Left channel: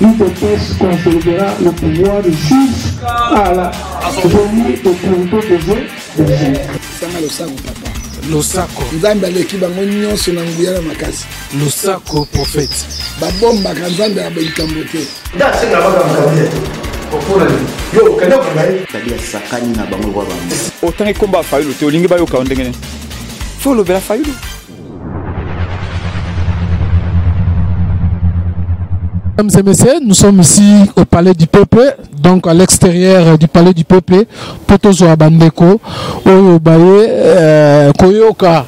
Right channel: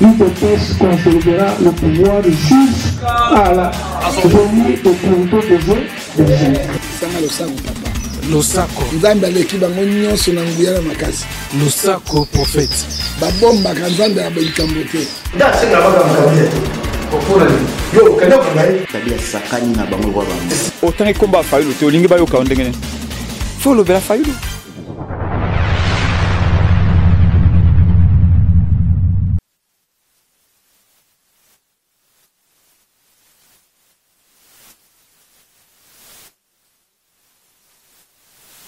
l'UDPS consolidera le pouvoir jusqu'à la venue de communautés des Losako. Nzambe aleki bango nyonso na nguya na makasi. Losako prophète. Babomba ka Nzambe abelikambo te. Da senga baka makabe. Okuna yo kenda kangai. Tabia sakani na bango kwa bango. Autant combat fayulu te olingi bayo ka ndengene. Faut le vera fayulu. Mesdames et messieurs, nous sommes ici au Palais du Peuple, donc à l'extérieur du Palais du Peuple, Potozo Abandeko, Oyobaye, Koyoka,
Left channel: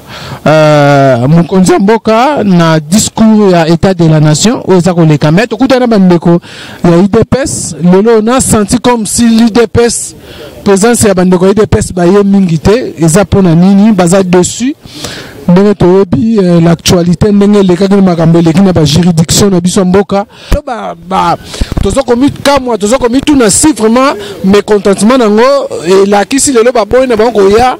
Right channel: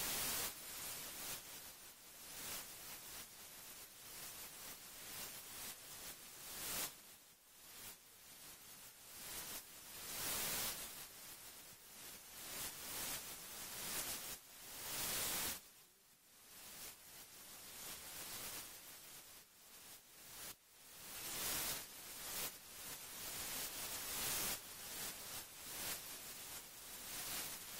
Mukonzi Mboka, na discours à État de la Nation, Ozako le Kamet, Okutana Bandeko, il y a IDPS, on a senti comme si l'IDPS, présence à Bandeko, IDPS, Baye Mingite, Ezapona Nini, Baza dessus. L'actualité les cas de la juridiction de Bissomboka tozo commis tout na si vraiment mécontentement nango et la qui si le baboy na bango ya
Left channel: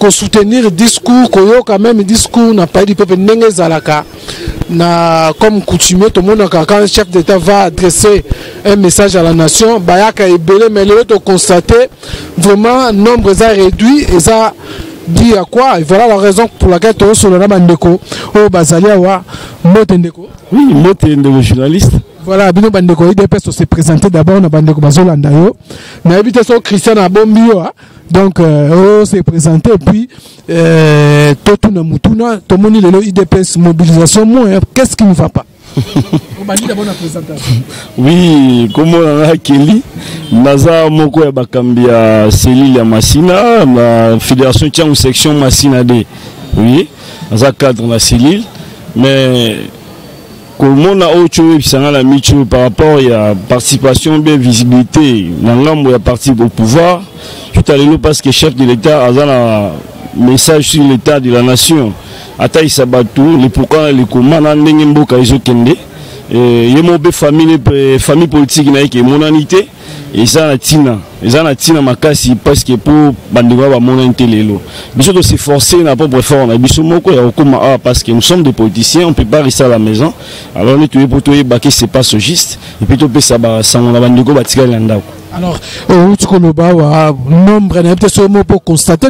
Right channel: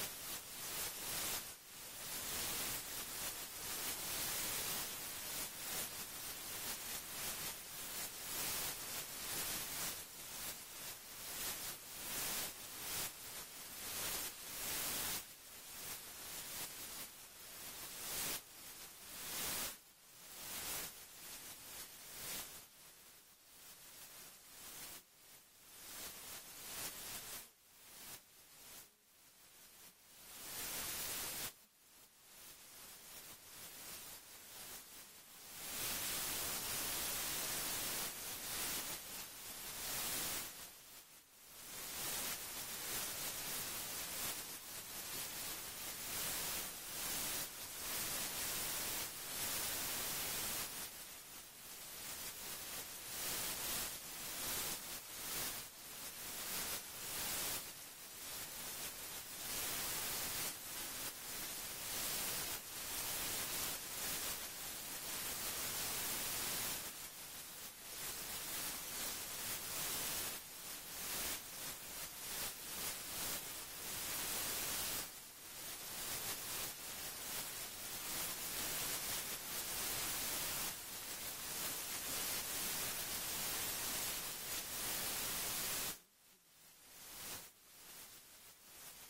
ko soutenir discours koyo quand même discours n'a pas dit peuple ndenge zalaka na comme coutumier tout le monde quand le chef d'État va adresser un message à la nation bayaka ebele mais le to constater vraiment nombre est réduit et ça dit à quoi? Et voilà la raison pour laquelle tu es sur le Bandeko. Oh, Bazalia, Motendeko. Oui, Motendeko, journaliste. Voilà, Bino Bandeko, il dépêche se présenter d'abord dans Bandeko Bazolandayo. Mais habité sur Christian Abombio. Donc, on s'est présenté. Et puis, Totuna Mutuna, Tomoni Lelo, IDPS, mobilisation. Qu'est-ce qui ne va pas? Oui, comme on a Kelly, Naza Moko et Bakambia, Céline et Massina, la fédération tient une section Massina D. Oui, Naza cadre la Céline, mais comme on a autre chose, la micho par rapport à la participation, bien visibilité, dans l'âme où il y a parti au pouvoir, tout à l'heure parce que le chef de l'État a un message sur l'État de la nation. Ataï Sabatou, les pourquoi les commandes en Nengemboka et Zokende, et mon famille politique qui est monanité, et ça la tina, makasi parce que pour Bandega va monanité lelo. Biso de s'efforcer n'a pas pour faire on a biso moko ya okoma parce que nous sommes des politiciens, on peut pas rester à la maison. Alors on est tous pour tout baquer c'est pas sogiste et puis tout peut ça on a Bandego batika landako. Alors, nombre pour constater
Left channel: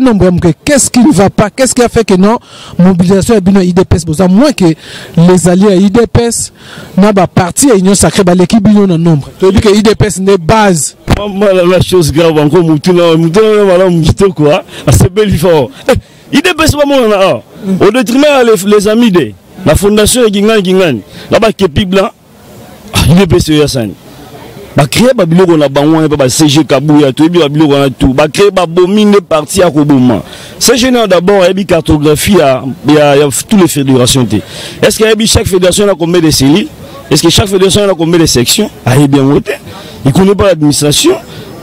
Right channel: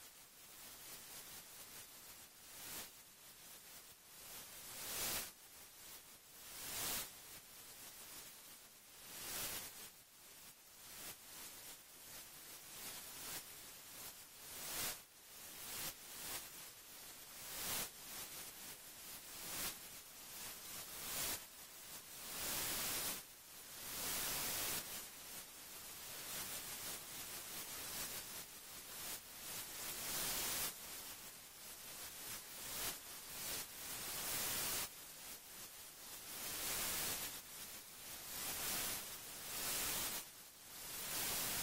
qu'est-ce qui ne va pas, qu'est-ce qui a fait que non, mobilisation est bien IDPS, moins que les alliés à IDPS n'a pas parti à l'Union sacrée, l'équipe est en nombre. Tu dis que IDPS n'est base. La chose grave encore, quoi, c'est belle fort. IDPS pas mon au détriment les amis de la fondation Gingan, là-bas qui est blanc, IDPS Yassani. Ba créer ba biloko na bango ba CG Kabuya to bi ba biloko na tout ba créer ba bomine parti à Koboma CG d'abord il y a cartographie il y a toutes les fédérations. Est-ce qu'il y a chaque fédération a combien de cellules? Est-ce que chaque fédération a combien de sections? Ah bien voté. Il connaît pas l'administration.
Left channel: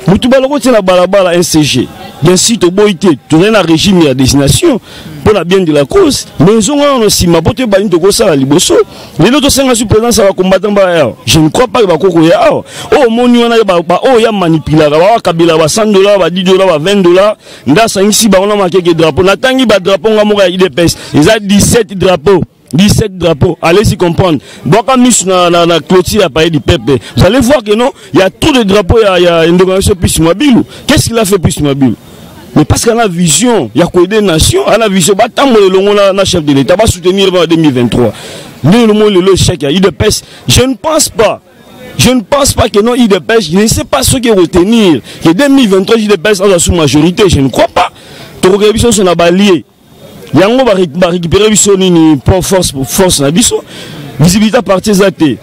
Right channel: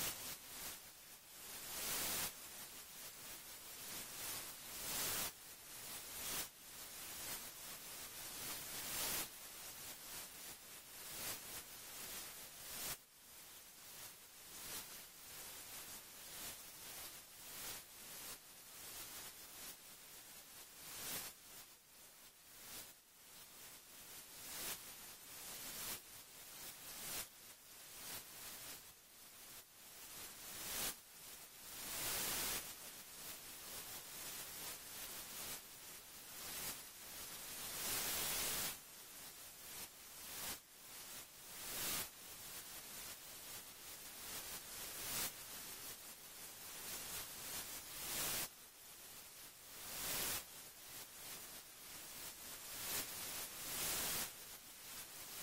Mutu ba loko tina balabala un CG. Bien si to boité to na régime ya destination pour la bien de la cause mais ils ont aussi ma pote ba into ko sala liboso les autres senga sur présence va combattre ba je ne crois pas que ba koko ya oh moni wana ba oh ya manipuler ba kabila ba $100 ba $10 ba $20 nda sangisi ba on a marqué que drapeau na tangi ba drapeau ngamo ya IDPS ils a 17 drapeaux. 17 drapeaux, allez-y comprendre. Donc, quand nous na clôture à Palais du Peuple, vous allez voir que non, il y a trop de drapeaux, il y a une déclaration plus mobile. Qu'est-ce qu'il a fait plus mobile? Mais parce qu'on a vision, il y a quoi des nations, on a vision, bah, tant que le chef de l'État va soutenir en 2023. Le chèque, IDPS, je ne pense pas que non, IDPS, je ne sais pas ce qu'il retenir. Que 2023, IDPS a la sous-majorité, je ne crois pas. Tu regardes, ils sont alliés. Yango va récupérer une force na biso visibilité partie zaté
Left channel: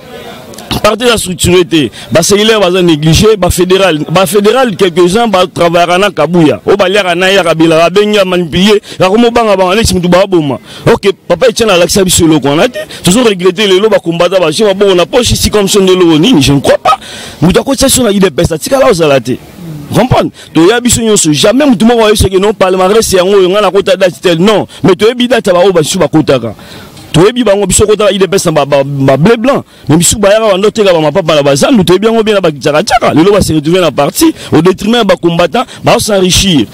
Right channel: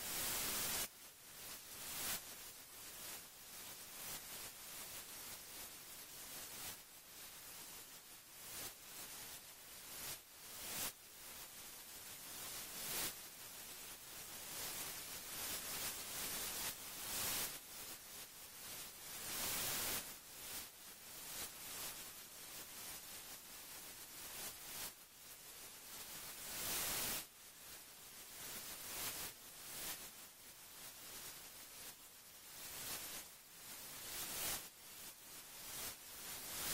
partie la structurité ba cellulaire va négliger ba fédéral quelques-uns va travailler na Kabuya o ba lera na ya kabila benga manipuler ya komo banga ba alexis mutu ba boma OK papa etient la laxa biso lo qu'on a dit toujours regretter le lo ba combattre ba chez ba na poche ici comme son de lo ni je ne crois pas mutu ko tsa sur na IDPS tika la ozalate. Comprendre to ya biso nyonso jamais mutu moko ayo seke non palmarès yango yonga na kota date tel non mais to yebi date ba o ba su ba kotaka to yebi bango biso kota IDPS ba bleu blanc mais biso ba yaka bando teka ba mapapa na bazandu to yebi yango bien na ba kitaka lelo ba se retrouver na parti au détriment ba combattant ba s'enrichir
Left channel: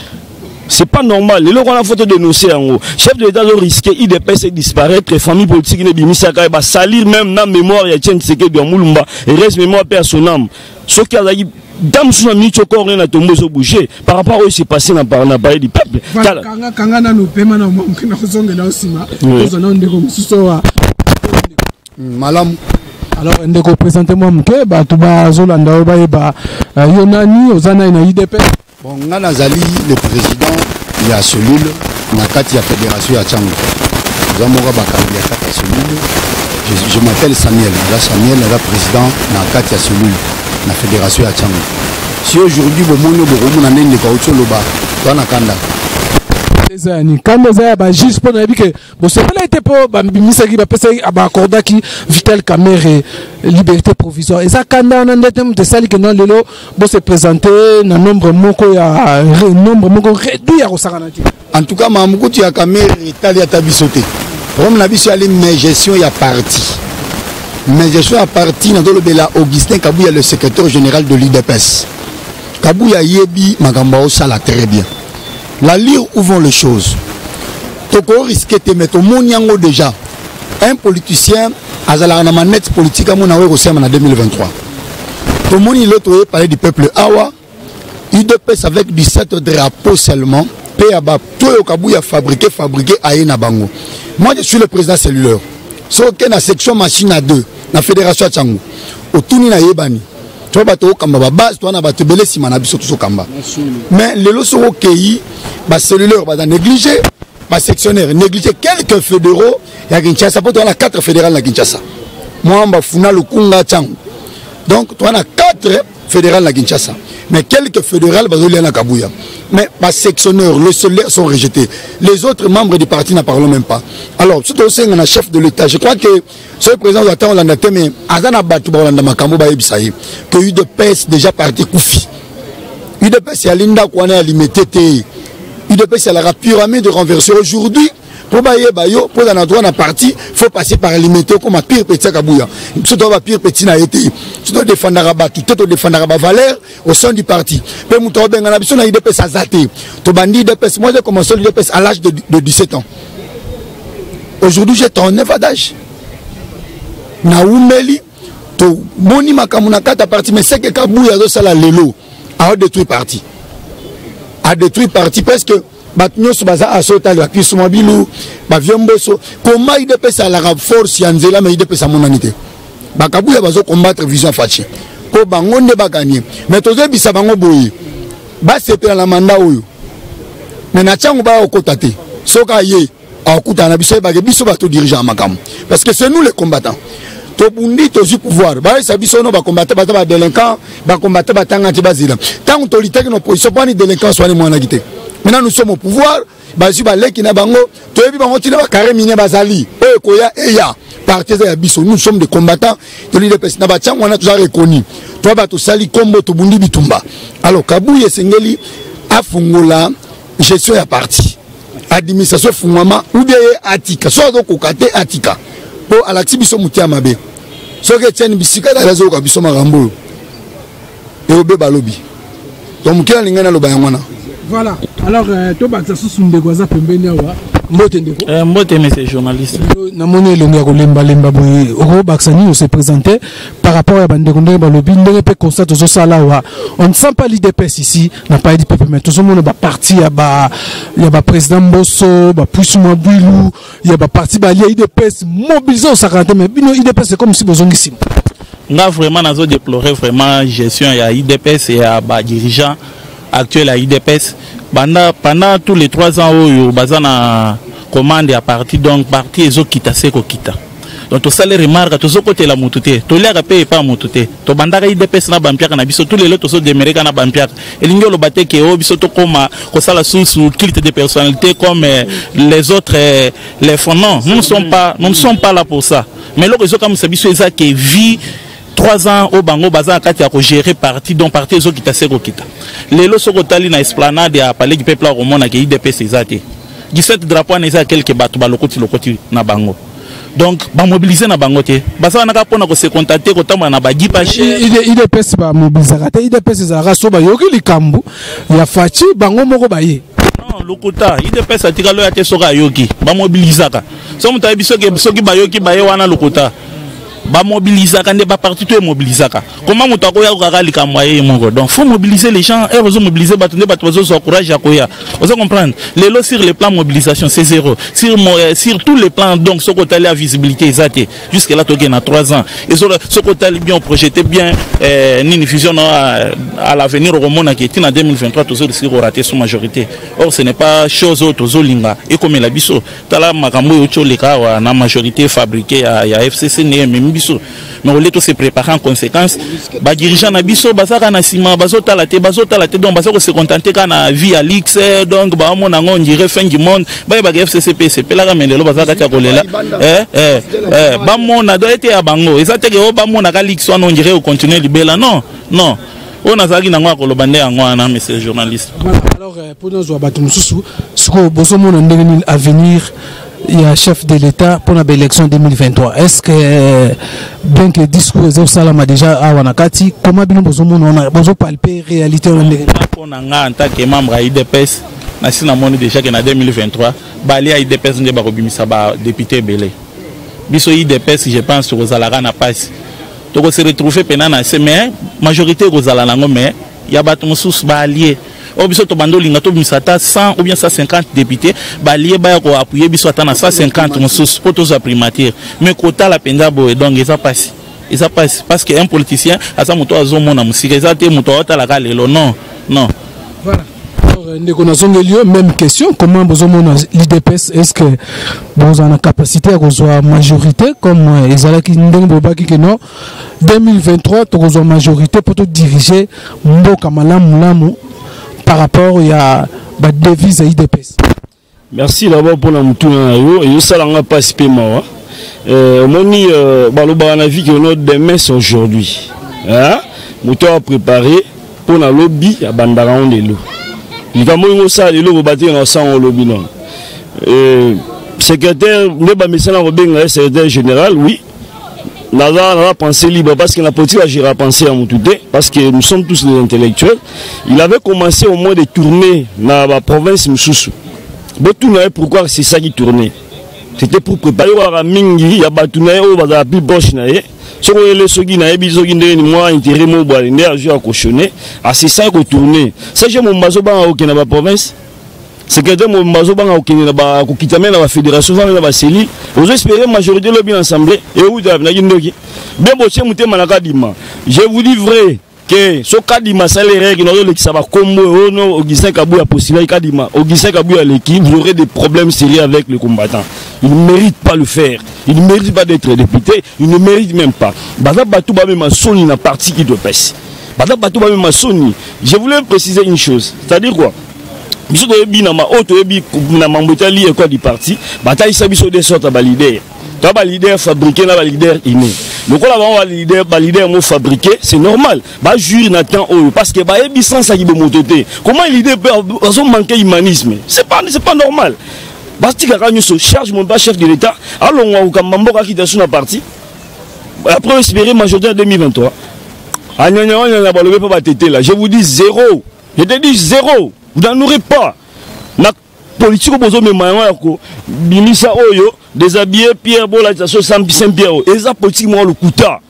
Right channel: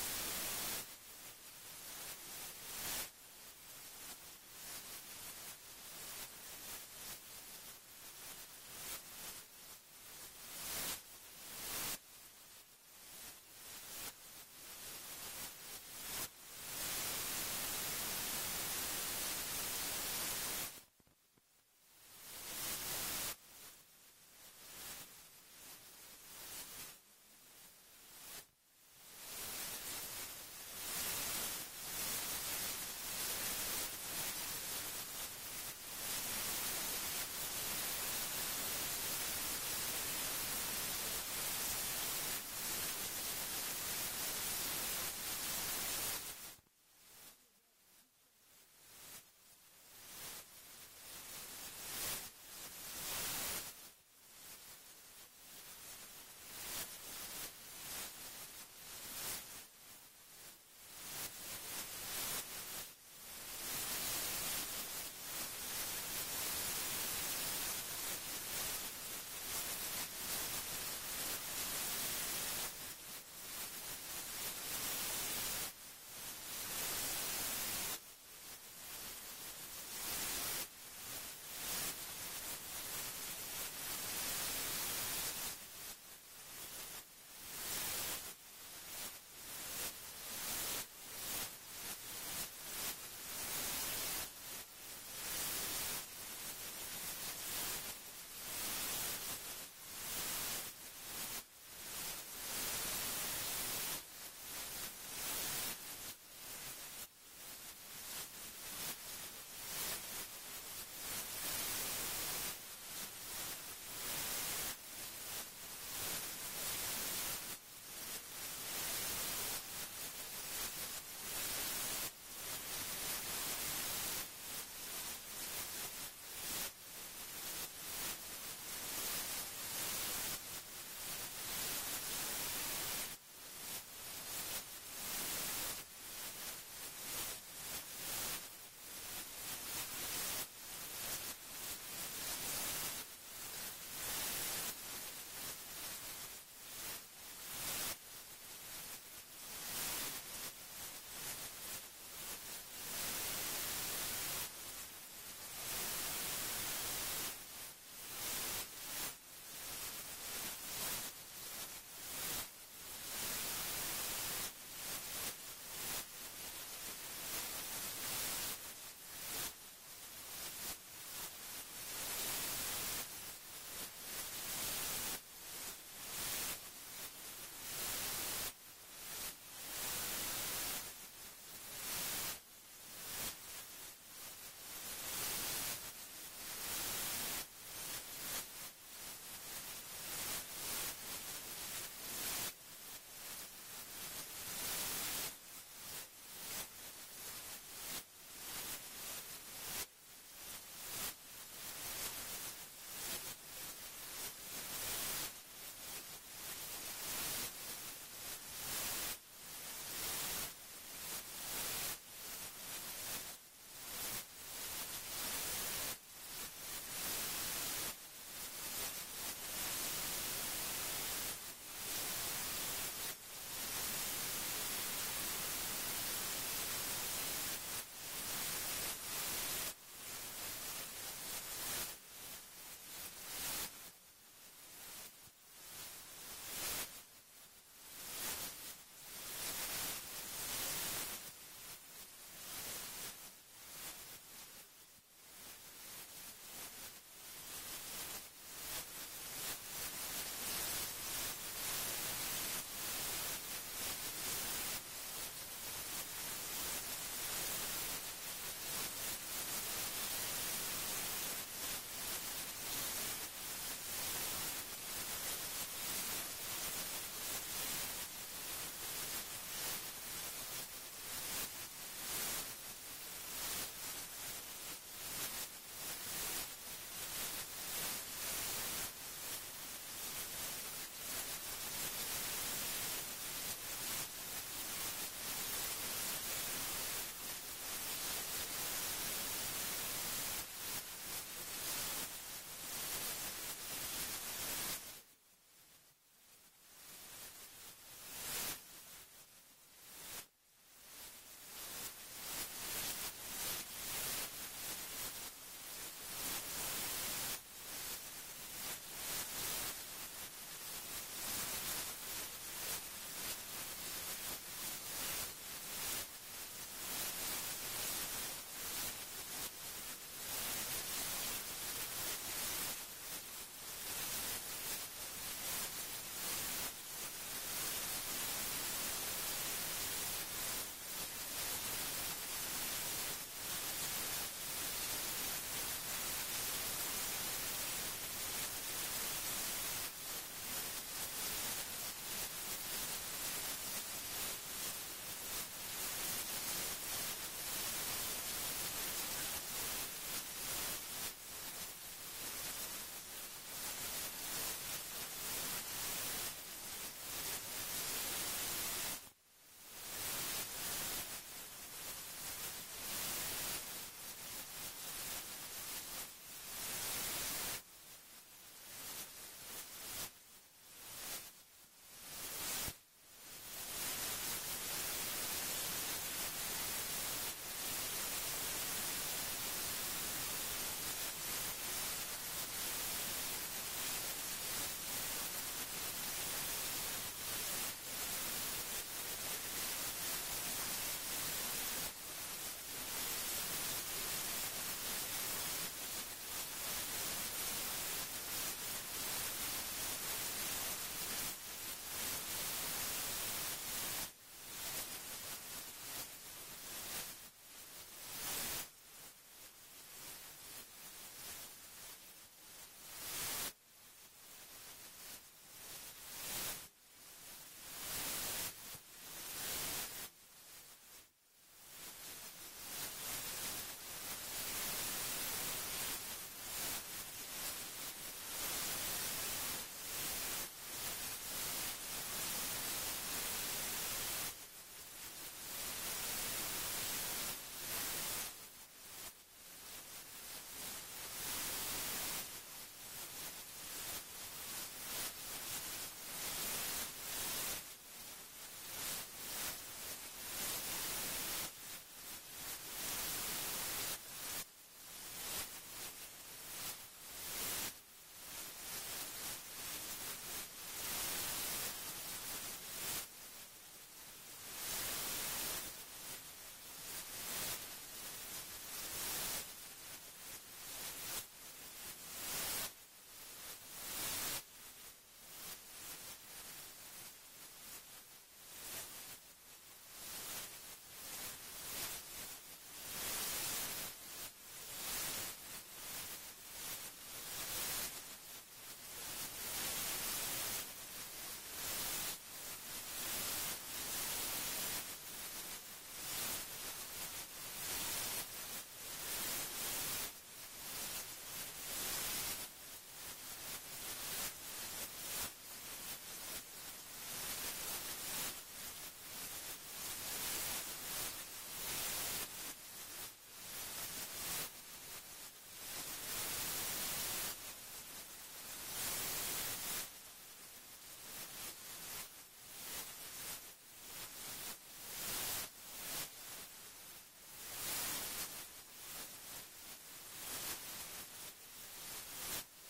c'est pas normal. Les gens ont photo dénoncer en haut. Chef de l'État doit risquer IDPS et disparaître. Famille politique ne bimisa ka ba salir même na mémoire ya Tien Tshisekedi de Mulumba et reste mémoire paix à son âme. Ce qui a dit dame sous la minute encore rien à tomber au bouger par rapport à ce qui s'est passé dans le pays du peuple. Kanga nous paiement na mokina kozonga na osima. Ozana ndeko mususo wa Malam. Alors ndeko présentez-moi mke ba tuba zolanda ba yeba yonani ozana ina IDPS. Bon, Nazali, le président, il y a cellule, na kati ya fédération ya Tchango. Nous avons bakandi ya kati cellule. Je m'appelle Samuel. Là, Samuel est le président na kati ya cellule, na fédération ya Tchango. Si aujourd'hui, vous avez un peu de caoutchouc, vous avez un kanda. Quand vous avez juste pour dire que vous savez été pour bimisa qui va passer à accorder qui Vital Kamerhe liberté provisoire et ça quand on a des thèmes de ça que non lelo bon se présenter dans nombre moko ya nombre moko réduit à Osaranati. En tout cas mamukuti ya Kamerhe Italie tabisoté comme na biso ali mais gestion ya parti mais gestion ya parti na dolo bela Augustin Kabouya le secrétaire général de l'IDPS Kabouya yebi makambo sala très bien. La lire où vont les choses. Toko risque de mettre au monde déjà. Un politicien a la manette politique à mon avis en 2023. Tout le monde il parler du peuple Awa. UDPS avec 17 drapeaux seulement. Péaba tout le Kabouya fabriqué à Bango. Moi je suis le président cellulaire. Sauf que la section machine à 2, la fédération à Tchango. Au Touni na Yebani. Tu vas battre au Kamba base, tu vas battre Belé Simana Biso tout Kamba. Mais les lots sont ok. Bah cellulaire va négliger, bah sectionnaire négliger quelques fédéraux. Il y a Kinshasa, pour toi on a 4 fédérales à Kinshasa. Moi on va funa le Kunga Tchango. Donc toi on a 4 fédérales à Kinshasa. Mais quelques fédérales va aller à Kabouya. Mais bah sectionnaire, le cellulaire sont rejetés. Les autres membres du parti n'en parlent même pas. Alors surtout aussi on a chef de l'État. Je crois que ce président doit attendre l'année mais Azana Batou Balanda Makambo Baïbisaï que UDPS déjà parti Koufi. UDPS est à Linda Kouane à limité. UDPS c'est la pyramide de renverser aujourd'hui. Pour bayo, pour un endroit dans parti, il faut passer par limiter comme un pire petit Kabouya. Surtout un pire petit n'a été. Surtout défendre Rabat, tout est défendre Rabat valeur au sein du parti. Mais mon tour ben l'ambition n'a UDPS à zaté. To bandi UDPS, moi j'ai commencé l'UDPS à l'âge de 17 ans. Aujourd'hui j'ai 39 ans d'âge. Na umeli to moni makamuna kata parti mais c'est que Kabouya do sala lelo a détruit parti. A détruit parti parce que Batnyo Subaza a sauté la puissance mobile, Baviomboso, comment il dépêche à la force Yanzela, mais il dépêche à mon anité. Bakabouya va combattre vision fachi. Pour Bangon ne va gagner. Mais tous les bisabango boyi. Bas c'est la mandat ou. Mais Natchango va au côté. Soka ye, à Kouta Nabiso, Bagabiso va tout diriger à Makam. Parce que c'est nous les combattants. Tobundi tozu pouvoir ba ça biso no ba combattre ba délinquant ba combattre ba tanga tibazila tant autorité que nos position pas ni délinquant soit ni mwana gité maintenant nous sommes au pouvoir ba zu ba leki na bango to yebi bango tina ba carré mine bazali e koya eya partis ya biso nous sommes des combattants de l'IDPS na ba tchang wana toujours reconnu to ba to sali kombo to bundi bitumba alors Kabouya sengeli afungola gestion ya parti administration fungama ou bien atika so do kokate atika pour alaxi biso mutia mabe so que tienne bisika da razo ka biso marambo et obe balobi donc mukia lingana lo bayangwana voilà alors to baksa susumbe kwaza pembeni awa mbote ndeko mbote monsieur journaliste na moni longa ko lemba boy ro baksani se présenter par rapport à bandeko ndenge balobi ndenge pe constate zo sala wa on ne sent pas l'IDPS ici n'a pas dit peuple mais tout le monde ba parti ya ba président Mbosso ba Poussuma Bouilou ya ba parti ba l'IDPS mobilisé au 40 mais bino IDPS c'est comme si bozongisi nga vraiment nazo déplorer vraiment gestion ya IDPS et ya ba dirigeant actuel à IDPS pendant tous les 3 ans où bazana commande à parti donc parti ezo kita seko kita donc to sale remarque to zo côté la mutute to lia paye pas mutute to bandaka IDPS na bampiaka na biso tous les autres so demereka na bampiaka elingo lo bateke o biso to koma ko sala sous culte de personnalité comme les autres les fonds non nous ne sommes pas là pour ça mais lo ezo comme ça biso eza que vie 3 ans au bango baza kati ya ko gérer parti donc parti ezo kita seko kita lelo soko tali na esplanade ya palais du peuple romona ke IDPS ezate 17 drapeaux na eza quelques bato balokoti na bango donc ba mobiliser na bango te basa na ka pona ko se contacter ko tamba na ba gipache IDPS ba mobiliser te IDPS za raso ba yoki likambu ya fachi bango moko ba ye Non, lokota, IDPS atika lo yate soka yoki, ba mobilisaka. So muta bisoki soki ba yoki ba wana lokota. Ba mobilisaka nde ba parti tout mobilisaka. Comment muta ko ya ko lika moyen mongo. Donc faut mobiliser les gens, et faut mobiliser batunde batwazo so courage akoya. Vous comprendre. Les lots sur le plan mobilisation c'est zéro. Sur tous les plans donc ce côté la visibilité exacte. Jusque là toke na 3 ans. Et ce côté bien projeté bien une fusion à l'avenir au monde qui est en 2023 toujours risque de rater son majorité. Or ce n'est pas chose autre zolinga et comme la biso tala makambo yocho leka na majorité fabriquée à FCC ne même biso. Mais on tous se préparer en conséquence. Ba dirigeant na biso bazaka na sima bazota la tête donc bazako se contenter kana vie à l'X donc ba mon on dirait fin du monde ba FCC PCP la mais le bazaka ta kolela ba mon na doit être à bango ezate ke ba mon na ka l'X on dirait au continuer libela non on a zaki na ngwa kolobande ngwa na monsieur journaliste. Alors pour nous abatu mususu siko boso mon ndenge avenir il y a chef de l'État pour l'élection 2023. Est-ce que bien que le discours est salama déjà à Wanakati, comment bien on a palpé réalité on a en tant que membre à IDPS, national déjà que en 2023, Bali à IDPS ne va pas député Belé. Biso IDPS, je pense que Rosalara n'a pas. Donc se retrouver pendant mais majorité Rosalara mais il y a battu sous Bali. Au biso to bando linga to bisata 100 ou bien 150 députés balié ba ko appuyer biso atana 150 musus pour tous primature mais quota la penda bo donc ça passe parce que un politicien à ça moto azomo na musika ça te moto otala ka lelo non voilà. Alors même question, comment vous avez l'IDPS, est-ce que vous avez la capacité à avoir majorité comme Ezala qui non 2023 tu as majorité pour te diriger Mboka Malamu par rapport à la devise à IDPS. Merci d'abord pour la moutouna et ça n'a pas si paiement. Moni baloba na vie que notre demain c'est aujourd'hui. Hein? Mouton a préparé pour la lobby à Bandaran de l'eau. Il va mourir ça de l'eau au bâtir dans ça au lobby non. Secrétaire ne ba message na robenga secrétaire général oui. N'a pensé libre parce que la politique a pensé à Moutouté parce que nous sommes tous des intellectuels. Il avait commencé au moins de tourner dans la province Moussoussou. Pourquoi c'est ça qui tournait? C'était pour préparer à Mingi, il y a Batounaï, au Bada plus proche. Si vous voulez ce qui n'a pas moi intérêt, moi, je vais cautionner. C'est ça qui tournait. Ça, j'ai mon mazoban dans la province. Secrétaire mon mazoban au Kitame dans la fédération dans la CELI. Vous espérez majorité de l'Assemblée et où bien je vous dis vrai que ce Kadima salaire qui ça va comme Augustin Kabouya possible Kadima Augustin Kabouya l'équipe vous aurez des problèmes sérieux avec les combattants. Il ne mérite pas le faire. Il ne mérite pas d'être député. Il ne mérite même pas. Bada Batouba même Sony na parti qui doit passer. Bada Batouba même Sony. Je voulais préciser une chose. C'est-à-dire quoi? Biso de bina ma auto ebi na mambotali et quoi du parti bataille ça biso de sorte à leader toi ba leader fabriqué na ba leader inné donc là ba leader mo fabriqué c'est normal ba jury na temps parce que ba ebi sans ça qui be mototé comment leader peut manquer humanisme c'est pas normal basti ka nyo so charge mon pas chef de l'état allons au kamamboka qui dans parti après espérer majorité en 2023 anya ba lever pas tété là je vous dis zéro je te dis zéro. Vous n'en aurez pas. La politique au même Bimisa Oyo, déshabillé Pierre Bola, Saint-Pierre, et ça politique le Kouta.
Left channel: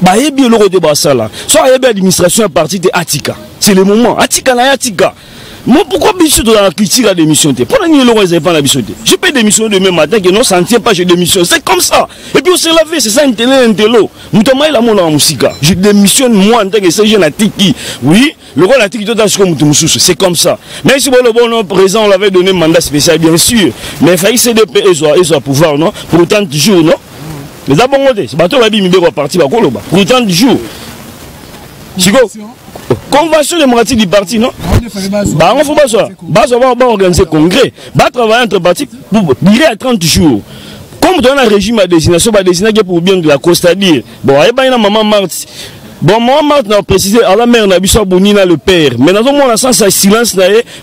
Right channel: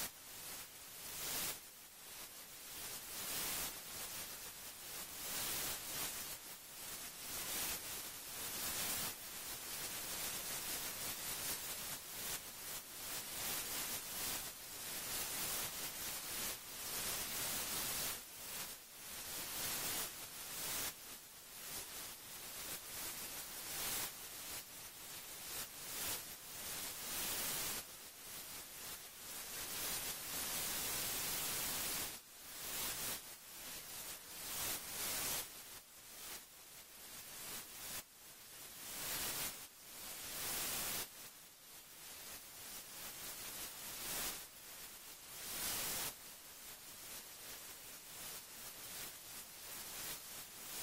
Bah, et bien le débat ça là. Soit il y a l'administration à partir de Atika. C'est le moment. Atika na Atika. Moi, pourquoi biso dans la critique à démission? Pour la nuit, le pas la mission. Je peux démissionner demain matin que non, ça ne tient pas, je démissionne. C'est comme ça. Et puis on s'est lavé, c'est ça, un télo. Moutamay la mon en musique. Je démissionne moi en tant que jeune à Tiki. Oui, le rôle à Tiki, c'est comme ça. Mais si le bon président, on l'avait donné un mandat spécial, bien sûr. Mais il fallait CDP, ils ont pouvoir, non? Pour autant de jours, non? Mais d'abord, c'est bateau la Bible, parti, pour autant de jours. Chico. Convention démocratique du parti, non? Bah, on va organiser congrès. Va travailler entre partis pour durer à 30 jours. Comme dans un régime à destination, va désigner pour bien de la cause, c'est-à-dire, bon, il y a une maman Marthe. Bon, maman Marthe n'a précisé à la mère Nabissa Bonina le père. Mais dans un moment, sans silence,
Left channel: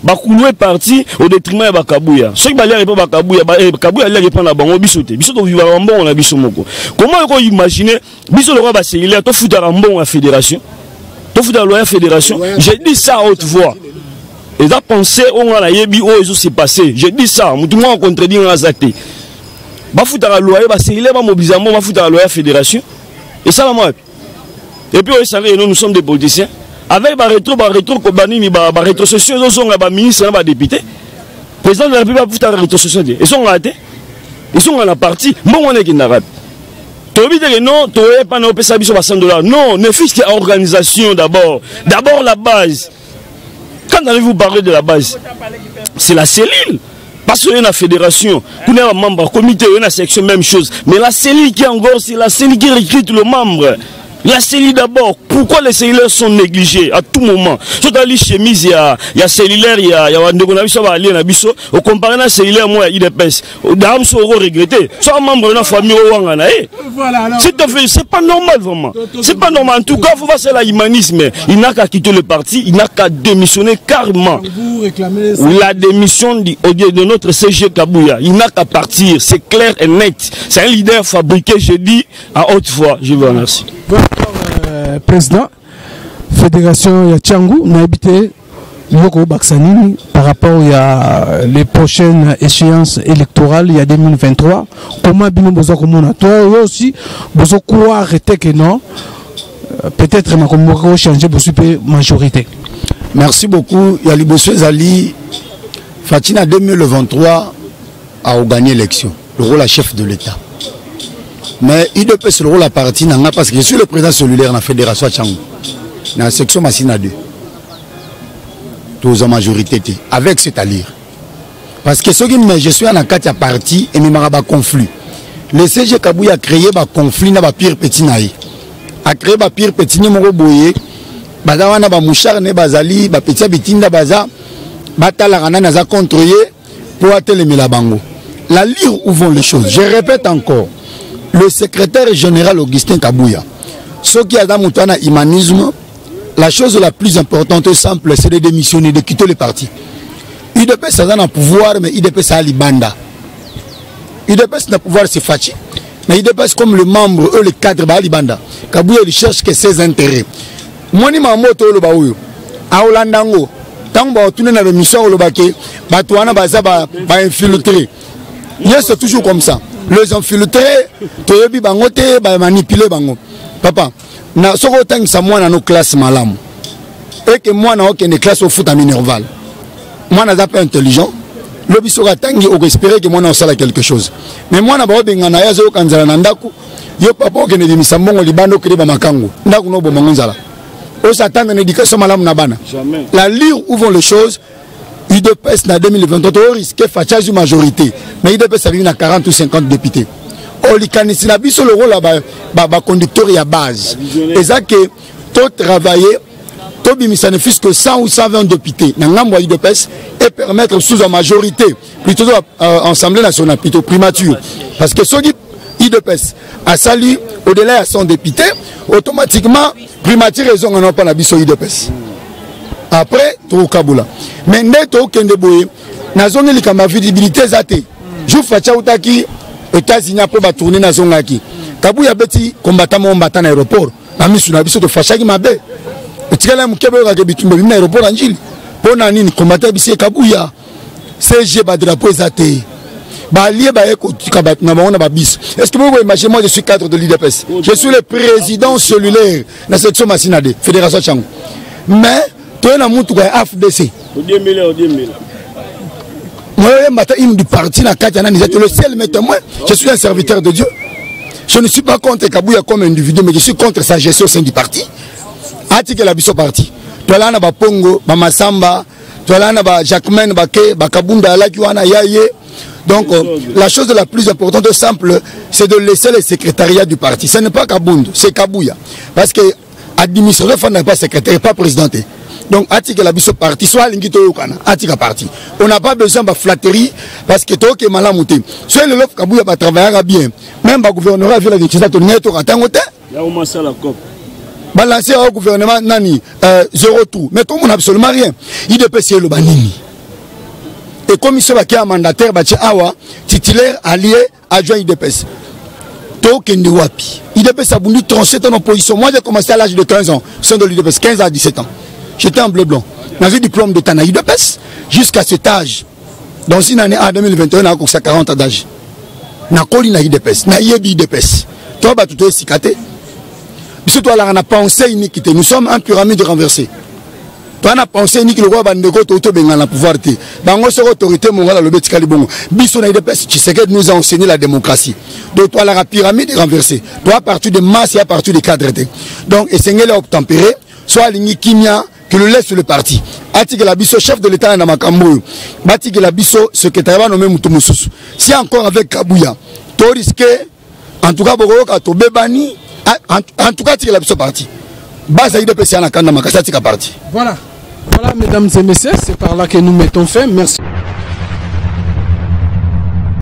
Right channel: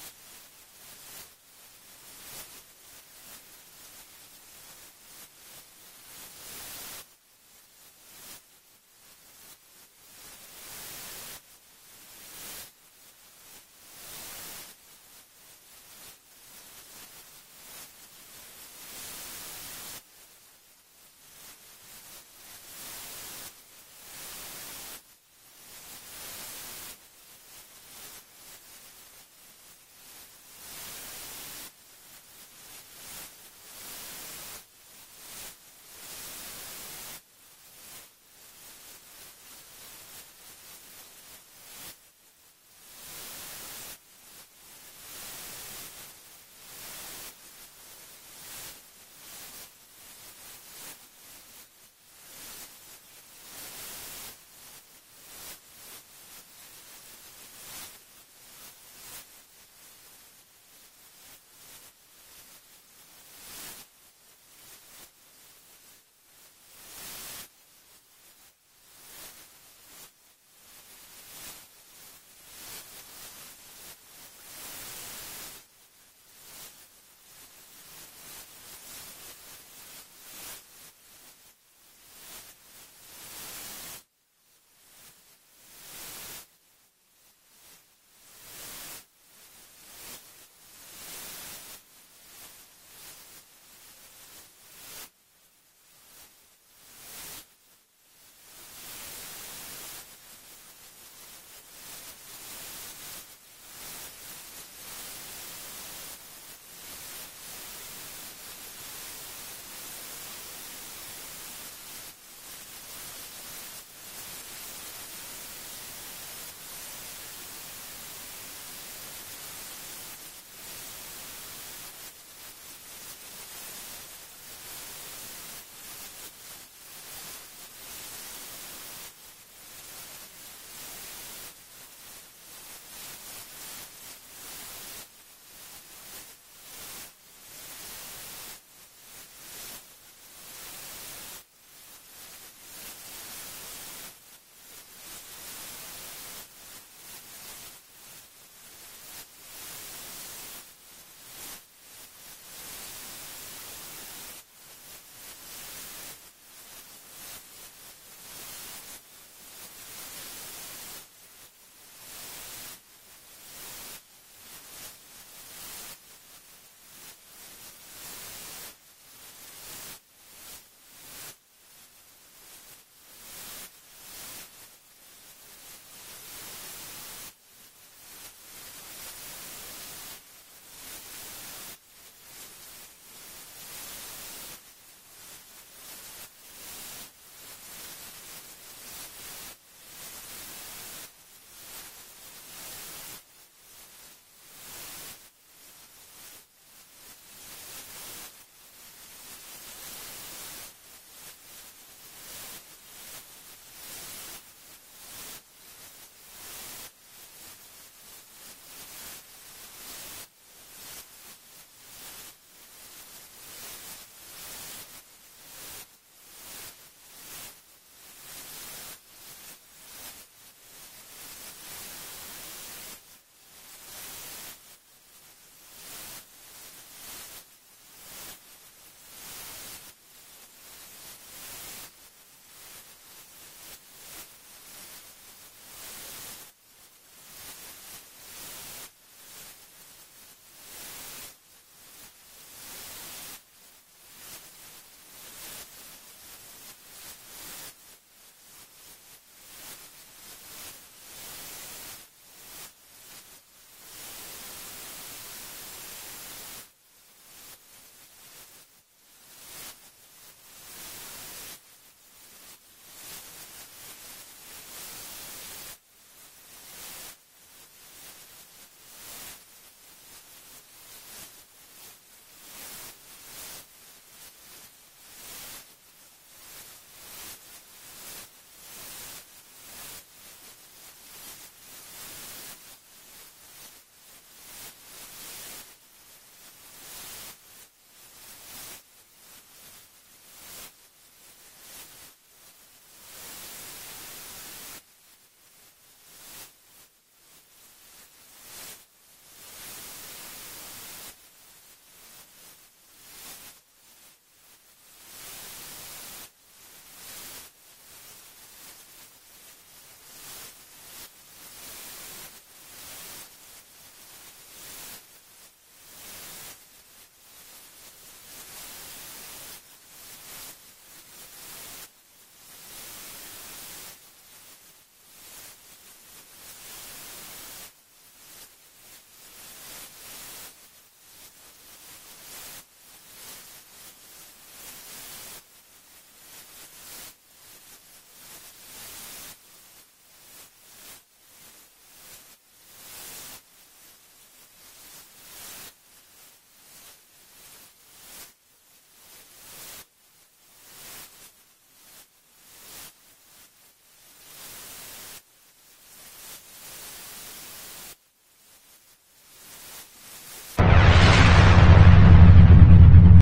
bah, couler parti au détriment de Bakabouya. Ceux qui allaient pas Bakabouya, Bakabouya allait répondre à Bango Bissoté. Bissoté vivre à Rambon, on a Bissomoko. Comment on imaginer, Bissot le roi Bassé, il est à tout foutre à Rambon à la fédération? Tout foutre à la fédération. J'ai dit ça à haute voix. Ils ont pensé, on a yebi, oh, ils s'est passé. Je dis ça, tout le monde a contredit dans la zate. Bah, foutre à la loi, bah, c'est il est mobilisation, bah, foutre à la loi fédération. Et ça, moi. Et puis, nous sommes des politiciens. Avec bah, rétro, rétrocession, ils sont là, ministre, là, député. Président de la République, bah, foutre à la rétrocession. Ils sont ratés. Ils sont à la partie. Moi, on est qui n'a pas. Non, non, ne fût-ce qu'à organisation d'abord. D'abord la base. Quand allez-vous parler de la base? C'est la cellule. Parce qu'il y a une fédération, il y a un membre, comité, il y a une section, même chose. Mais la cellule qui est en gros, c'est la cellule qui recrute le membre. La cellule d'abord, pourquoi les cellulaires sont négligés à tout moment? Sur la chemise, il y a cellulaire, il y a un biso, au comparé à cellulaire, moi, il y a IDPS. D'âme, c'est regretté. Soit un membre de la famille, c'est pas normal, vraiment. C'est pas normal. En tout cas, il faut passer à l'humanisme. Il n'a qu'à quitter le parti, il n'a qu'à démissionner carrément. La démission de notre CG Kabouya, il n'a qu'à partir. C'est clair et net. C'est un leader fabriqué, je dis, à haute voix. Je vous remercie. Président fédération ya Tchangou n'a habité Yoko Baksanini par rapport à les prochaines échéances électorales il y a 2023. Comment bino bozo komona toi aussi bozo quoi arrêter que non peut-être ma komoko changer pour super majorité. Merci beaucoup. Yali Bosso Zali Fatina 2023 a gagné l'élection, le rôle à chef de l'État. Mais il peut se rôle à partie parce que je suis le président cellulaire de la fédération Tchangou. Dans la section Massina 2. Tous en majorité. Avec cette allure. Parce que je suis en Akatia parti et je suis en conflit. Le CG Kabouya a créé un conflit dans le pire petit naï. A créé un pire petit numéro boyé. Bazawana ba mouchar ne bazali, ba petit bitinda baza, batala rana naza contrôlé pour atteindre la bango. La lire où vont les choses. Je répète encore. Le secrétaire général Augustin Kabouya, ce qui a dans mon humanisme, la chose la plus importante et simple, c'est de démissionner, de quitter le parti. IDPS a un pouvoir, mais IDPS a l'Ibanda. IDPS n'a pouvoir, c'est Fachi. Mais IDPS, comme le membre, eux, le cadre, bah, l'Ibanda. Kabouya, il cherche que ses intérêts. Moi, je suis le Baouyo. À Holandango, tant que tu n'as pas de mission, tu as infiltré. C'est toujours comme ça. Les infiltrés, tu as manipulé. Papa, si tu as nos classes malam, et que moi, je suis classe au foot à Minerval, moi, je suis pas intelligent, le biso gatangi au espérer que moi, je sais quelque chose. Mais moi, je suis un peu yo papa qui ne dit misambongo libando que ba makango ndaku no bomango nzala o s'attendre à l'éducation malam na bana. La lire où vont les choses. IDPS en 2023 risque de majorité, mais IDPS a 40 ou 50 députés. On a sur le rôle de conducteur à base. Et ça que tout travailler, tout ça ne fût que 100 ou 120 députés dans l'IDPS et permettre sous la majorité, plutôt l'Assemblée nationale, plutôt primature. Parce que ce qui IDPS a sali au-delà de 100 députés, automatiquement, primature raison on n'a pas la biso IDPS. Après, tout au Kaboula. Mais neto au Kendeboye, na zone li kama visibilité zate. Je facha utaki États-Unis pour tourner na zone aki. Kabouya beti combattant mon battant à l'aéroport. Na misu na biso to facha ki mabe. Etikala mukebe ka bitumba bina aéroport anjili. Pona nini combattant bisi Kabouya. CG ba drapeau zate. Ba lié ba eko tikabat na ba ba bis. Est-ce que vous pouvez imaginer moi je suis cadre de l'IDPS. Je suis le président cellulaire de la section Massina 2, Fédération Tchangou. Mais tu es dans mon tour AFDC. Moi, je du parti, le seul témoin. Je suis un serviteur de Dieu. Je ne suis pas contre Kabouya comme individu, mais je suis contre sa gestion au sein du parti. Article la biso parti. Tu as là, Pongo, Masamba, tu as là, Jacquemain, Kabunda, Yaye. Donc, la chose la plus importante et simple, c'est de laisser le secrétariat du parti. Ce n'est pas Kabund, c'est Kabouya. Parce que l'administrateur n'est pas secrétaire, pas présidenté. Donc, article la biso parti, soit l'ingito yokana, article parti. On n'a pas besoin de flatterie parce que toi qui es mal amouté. Soit le lof Kabouya va travailler bien. Même le gouvernement a vu la décision de l'Union européenne. Il y a au moins ça la COP. Balancer au gouvernement, nani, zéro tout. Mais tout le monde n'a absolument rien. Il dépêche le banini. Et comme il se va qu'il y a un mandataire, titulaire, allié, adjoint IDPS. Tokende Wapi. IDPS a voulu trancher ton opposition. Moi, j'ai commencé à l'âge de 15 ans, au sein de l'IDPS, 15 à 17 ans. J'étais en bleu blanc. Dans un diplôme de Tanaï de PES, jusqu'à cet âge. Dans une année, en 2021, on a 40 ans d'âge. On a collé na IDPS, na yebi IDPS. Toi, tu es cicaté. Parce que toi, là, on a pensé iniquité. Nous sommes un pyramide renversée. Toi, on a pensé iniquité. Le roi Bandego, tu as le pouvoir. Dans notre autorité, mon gars, le Betikali Bongo. Bisson na IDPS, tu sais que nous a enseigné la démocratie. Donc, toi, là, la pyramide est renversée. Toi, à partir de masse et à partir des cadres. Donc, et c'est un obtempéré, soit l'iniquimia, que le laisse sur le parti. Ati que la biso chef de l'État dans Makambo. Bati que la biso secrétaire nommé Mutumosusu. Si encore avec Kabouya, tu risques, en tout cas, to bebani, en tout cas, tu la biso parti. Basa IDPS à la Kanda Makasati parti. Voilà. Voilà, mesdames et messieurs, c'est par là que nous mettons fin. Merci.